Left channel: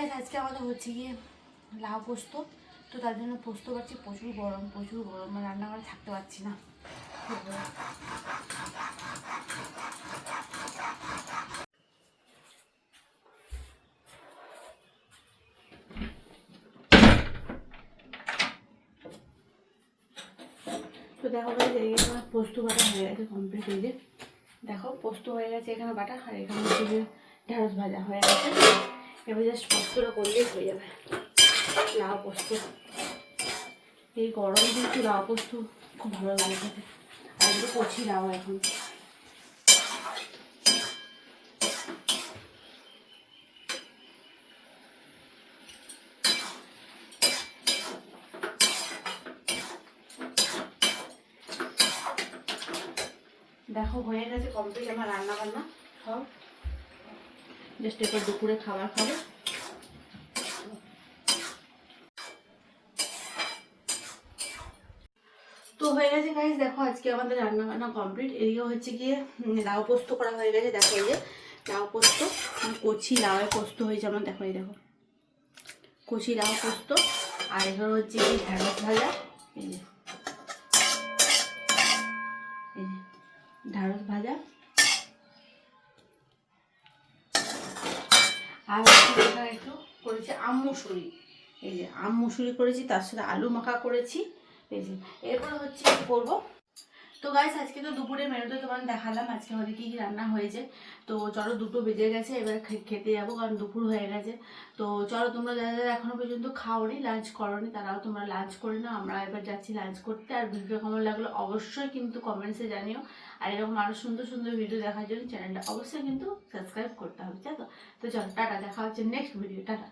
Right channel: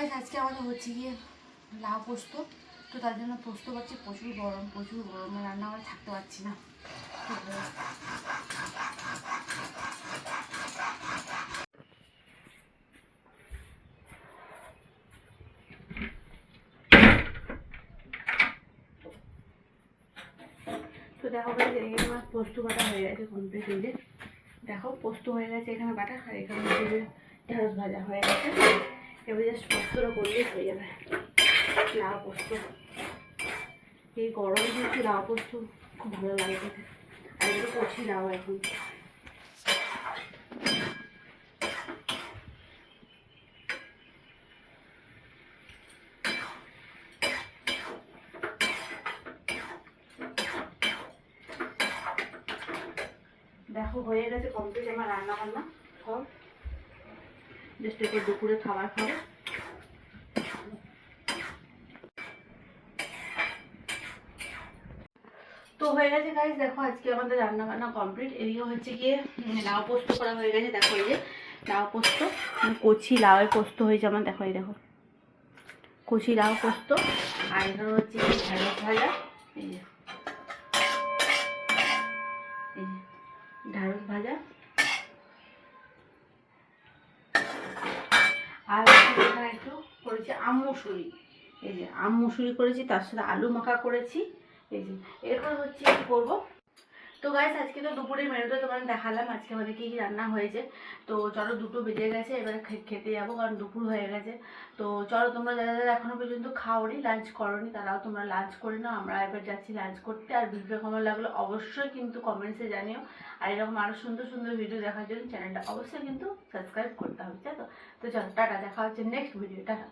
Guys আজকে আমাদের হচ্ছে গিয়ে লাউ পোস্ত। তো তার জন্য পোস্ত পাচ্ছি, প্রচুর গরম রান্না করে থাকতে পারছি না। তো দেখো গাইস এখানে আমার পোস্ত বাটা হয়ে গেছে কমপ্লিট। হয়ে যায় দেখো পোস্ত হয়ে গেছে এখানে বাটা, আর এখানে হচ্ছে যে ঢেঁড়স ভাজা হয়ে গেছে। এবার জাস্ট পোস্তটা করলেই হয়ে যাবে লাউ পোস্ত। এই গরম কিন্তু লাউ পোস্ত খুব ভালো লাগে খেতে। আর এগুলো কচি লাউ এখন। দেখো হয়ে গেছে কমপ্লিট আমার রান্না বান্না সব। জাস্ট এরপর দুপুরে খাবার খাবো। তো হয়ে গেছে গাইস, দেখো আজকে আমাদের রান্না বান্না কমপ্লিট। এদিকে হচ্ছে গিয়ে লাউ পোস্ত করা হয়ে গেছে। দেখো এই যে লাউ পোস্ত, কচি লাউয়ের পোস্ত হয়েছে আমার। দেখো এই দেখো কচি লাউ পোস্ত। আর এখানে হচ্ছে গিয়ে ঢেঁড়স ভাজা। এই যে ঢেঁড়স ভাজা। আর এখানে একটু করেছি আম মুসুরি। এই যে আম মুসুরি করেছি, তার সাথে আলু মাখা করেছি। এই যে এরপর হচ্ছে কি করবো। তো গাইস আজকে তো দুপুরের মেনুতে তোমাদের দেখালাম আজকে আমাদের কী কী রান্না হয়েছে। তো চলো 2টো বেজে গেছে, এবারে খেতে যাবো কারণ দুপুর হয়ে গেছে। তো চলো তোমরা যারা যারা এখনো পর্যন্ত খাওনি, লাঞ্চ করোনি, তারাও তোমরা লাঞ্চ করে নাও। আমরা এবার যাচ্ছি লাঞ্চ করতে। আর ভিডিও কেমন লাগলো অবশ্যই কিন্তু কমেন্টসে জানিও। আর এরকম আরও সুন্দর সুন্দর ভিডিও দেখার জন্য চ্যানেলটা অবশ্যই কিন্তু সাবস্ক্রাইব করতে হবে, তাই তো। তো চলো টাটা, দেখা হচ্ছে নেক্সট ভিডিও, টাটা।